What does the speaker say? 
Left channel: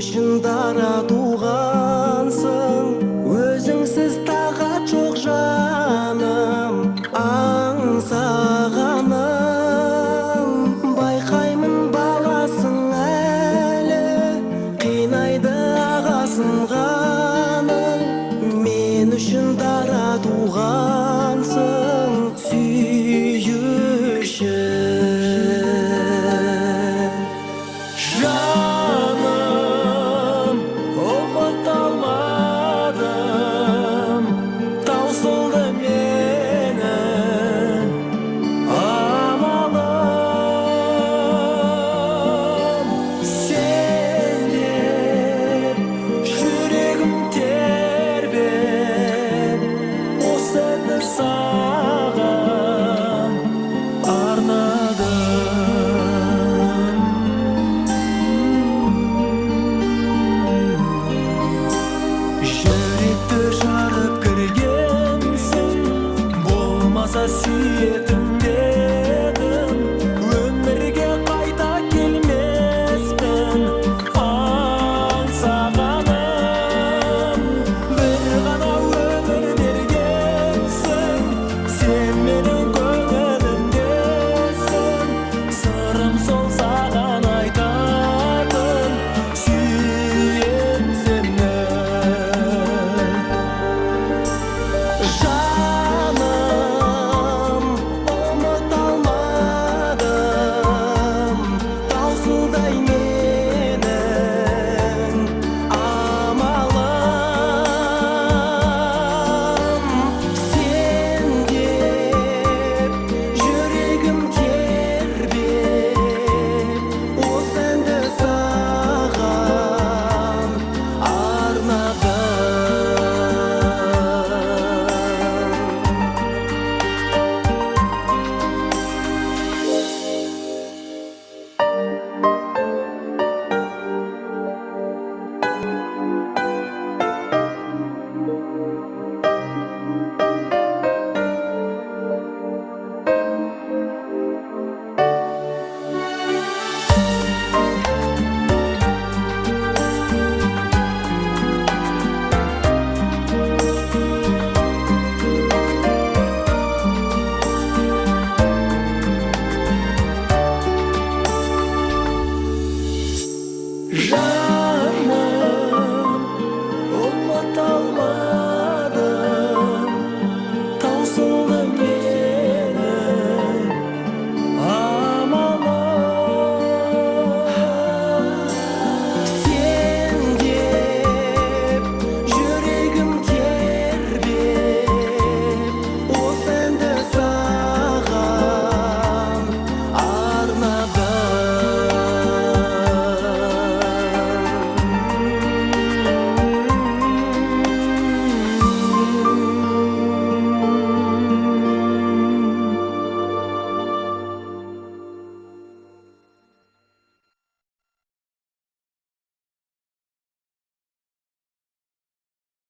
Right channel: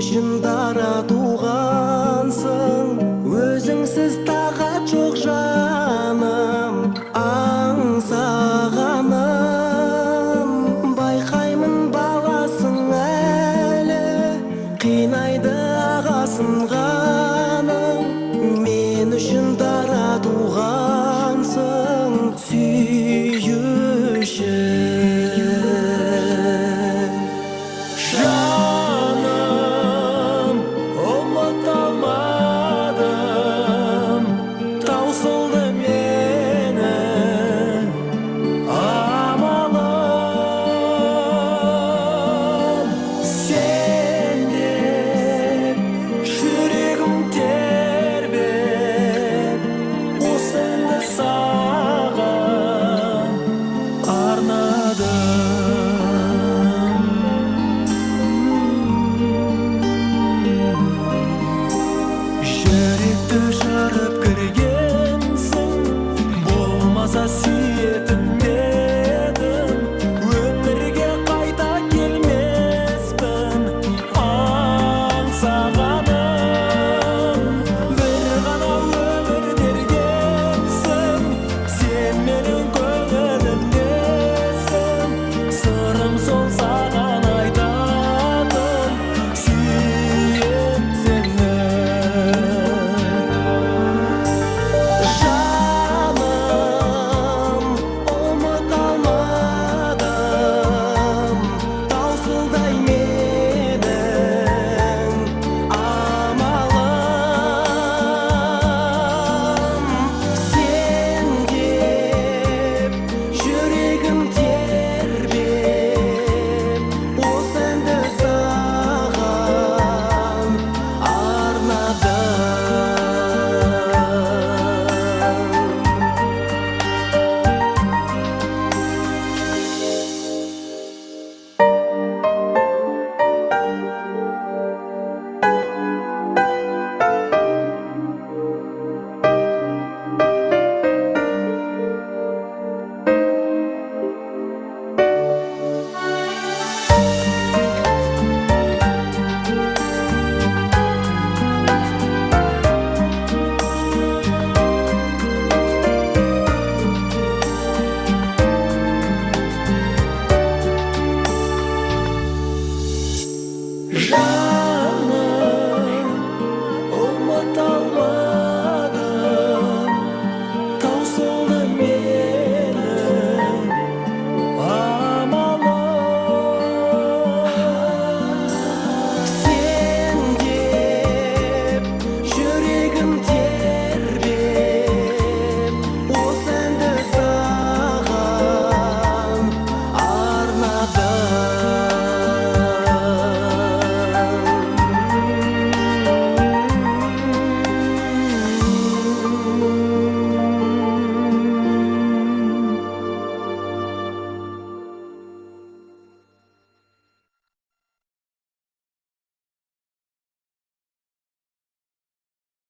үшін дара туғансың, өзіңсіз тағат жоқ жаным, аңсағаным. Байқаймын баласың әлі, қинайды ағасын ғаның. Мен үшін дара туғансың, сүйуші. Таусылды мені амалым, сен деп жүрегім тербеп, осы әнді саған арнадым. Жүректі жарып кіргенсің, болмаса сүйетін дедім. Өмірге қайта келмеспін, аңсағаным. Бір ғана өмір бергенсің, сен менің көңілімдесің. Сырым сол саған айтатын, сүйем сені.